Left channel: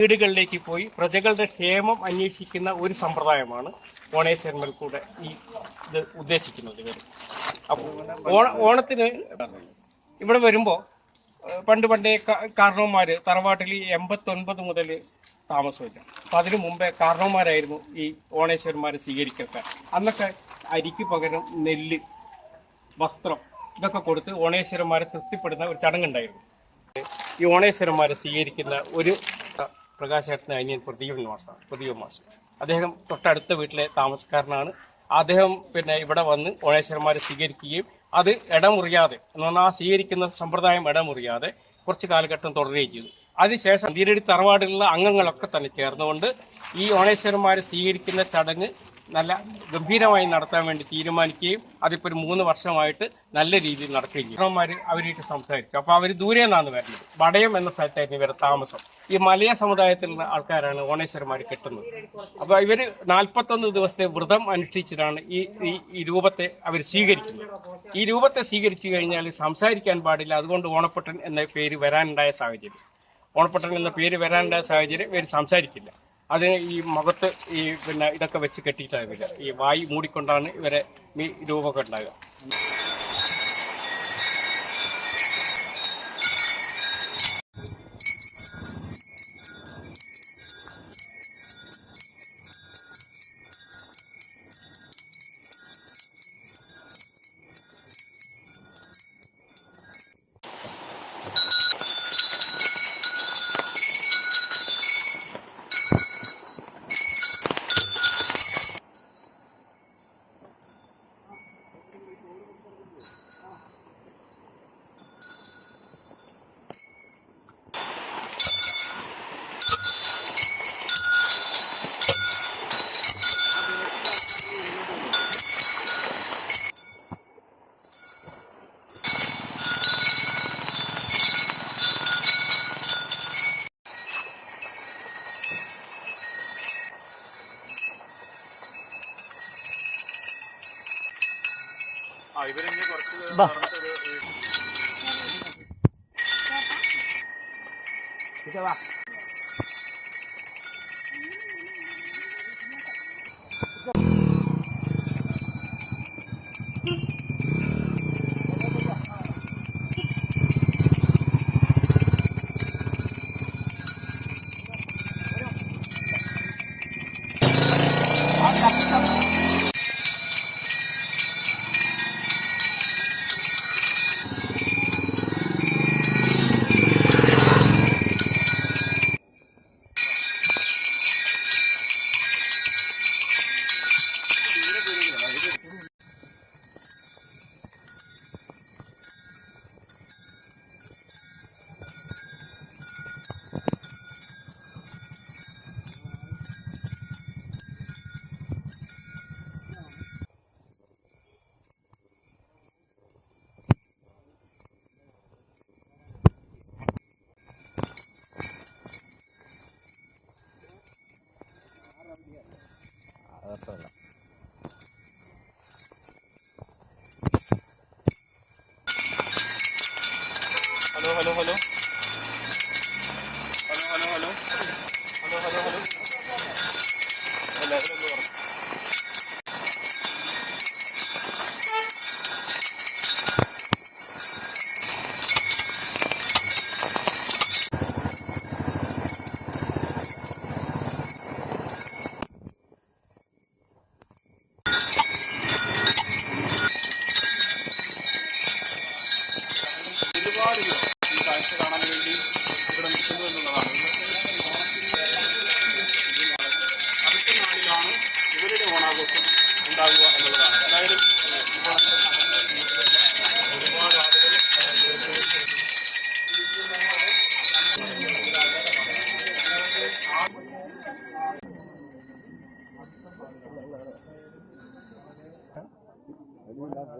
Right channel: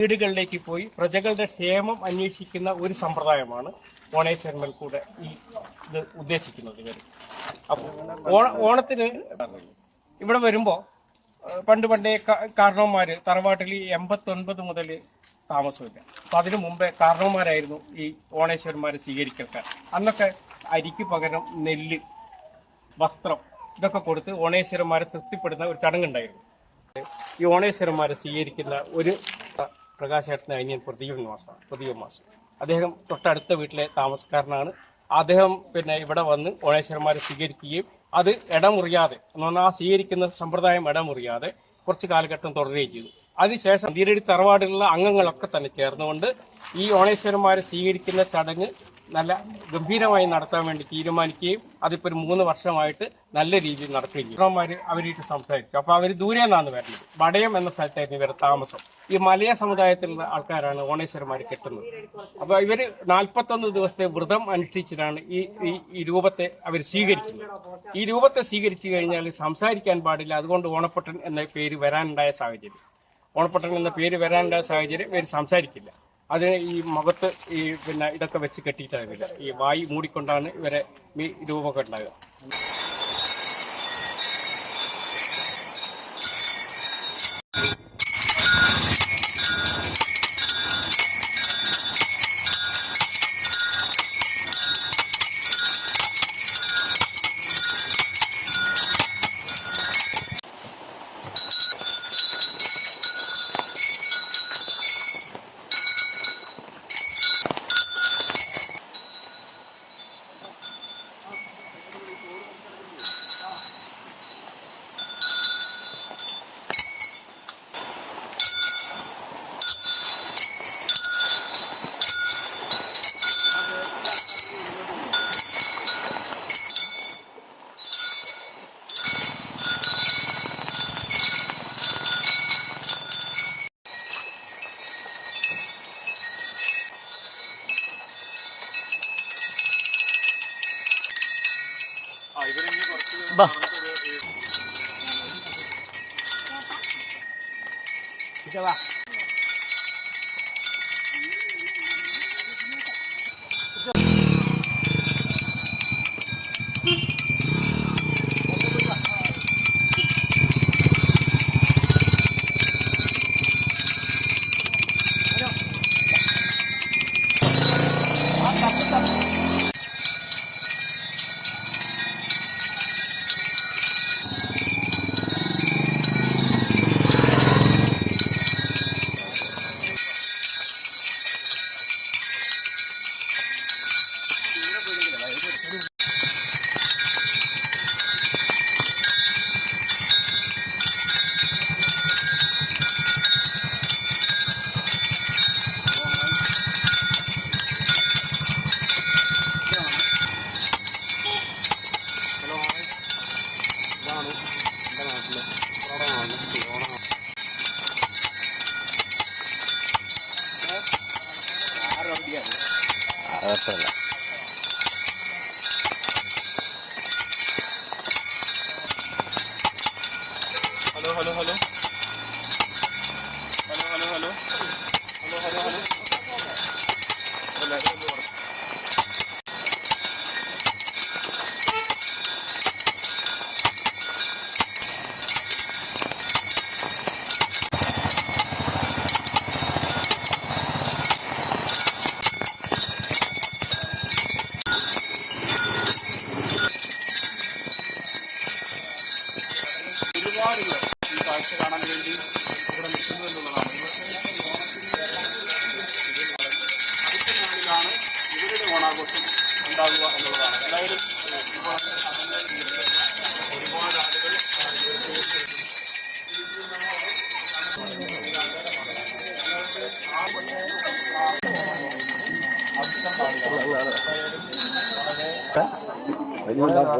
വീടുകളിലേക്ക് പോയി പ്രജകളുടെ ക്ഷേമം അന്വേഷിക്കുന്ന ഒരു സമ്പ്രദായമാണ് ഓണേശ്വരന്മേൽ കൂടെ ഇത് ഉദ്ദേശിക്കുന്നത്. ഇവർ ഓണത്തിന് ഇവിടെ വരുമ്പോൾ പണ്ടേ കാരണവന്മാർ തറവാട്ടിൽ 89 മുതൽ താമസമില്ല. അപ്പം അതിനു മുമ്പേ കാരണവന്മാരായിരുന്നു ഈ ഓണേശ്വരന്മാരെ സ്വീകരിക്കാൻ. അന്നൊക്കെ അരിക്ക് പകരം നെല്ല്, വസ്ത്രം ഇതൊക്കെ കൊടുത്ത് ഓണേശ്വരന്മാരെ തൃപ്തിപ്പെടുന്ന ഒരു ചടങ്ങുണ്ടായിരുന്നു. ഈ ഓണേശ്വരന്മാരെ സ്വീകരിക്കുന്ന ഒരു പ്രകാശേട്ടന് അനിയൻ പ്രദീപൻ മാഷ് അദ്ദേഹം തൊട്ടടുത്ത വീട്ടിലെ താമസക്കാരനാണ്. അദ്ദേഹം ഇവിടെ വന്ന് ഓണേശ്വരന്മാരെ സ്വീകരിക്കുകയും അത് ഇടമുറിയാതെ എന്ന് പറഞ്ഞാൽ ആ സ്വീകരിക്കുന്ന സമ്പ്രദായം ഇടമുറിയാതെ കുറച്ച് കാലഘട്ടം തുടരുകയും ചെയ്തു. അതിനുശേഷം തീരടി തറവാടിലുള്ള അംഗങ്ങളൊക്കെ തന്നെ ചേർന്നുകൊണ്ട് ഈ ഓണേശ്വരന്മാരെ സ്വീകരിക്കുന്ന ചടങ്ങ് നല്ല ഗംഭീരമായി നടത്താൻ വേണ്ടി തീരുമാനിക്കുകയും അതിപ്പോൾ ഒരു 3 വർഷമായിട്ട് നല്ല രീതിയിൽ നടക്കുകയും ചെയ്യും. അവരായിട്ട് സംസാരിച്ചു. അപ്പോൾ അവർ ദൂരെ നിന്നാണ് വരുന്നത്. വടയം എന്ന സ്ഥലത്തായിരുന്നു ഇവരുടെ താമസം. ഈ മലയ സമുദായത്തിലുള്ള ആൾക്കാരാണ് ഓണേശ്വരന്മാർ കെട്ടുന്നത്. അപ്പോൾ ഇവർ 41 ദിവസത്തെ വ്രതം അനുഷ്ഠിച്ചിട്ടാണ് ഈ രൂപത്തെ അവർ സ്വീകരിക്കുന്നത്. ഈ രൂപത്തെ സ്വീകരിച്ചു കഴിഞ്ഞാൽ സംസാരിക്കാൻ പാടില്ല. അതുകൊണ്ട് ഓണപ്പട്ടൻ എന്ന പേര് വരാനുണ്ടായ സാഹചര്യം ഇവർ സംസാരിക്കില്ല. അതിന് ഈ മുഖത്ത് ഇതൊക്കെ വെച്ച് കെട്ടിയിട്ടാവില്ല. ഈ വായി മൂടിക്കൊണ്ടാണ് ഇവരെ ഈ രൂപമൊക്കെ ഉണ്ടാകുക.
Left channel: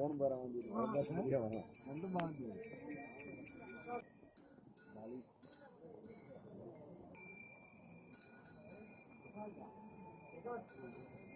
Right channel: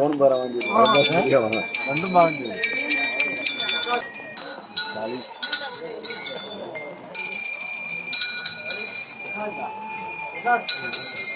ഫോൺ പറയാൻ വേണ്ടി രണ്ടും വാങ്ങി Gracias.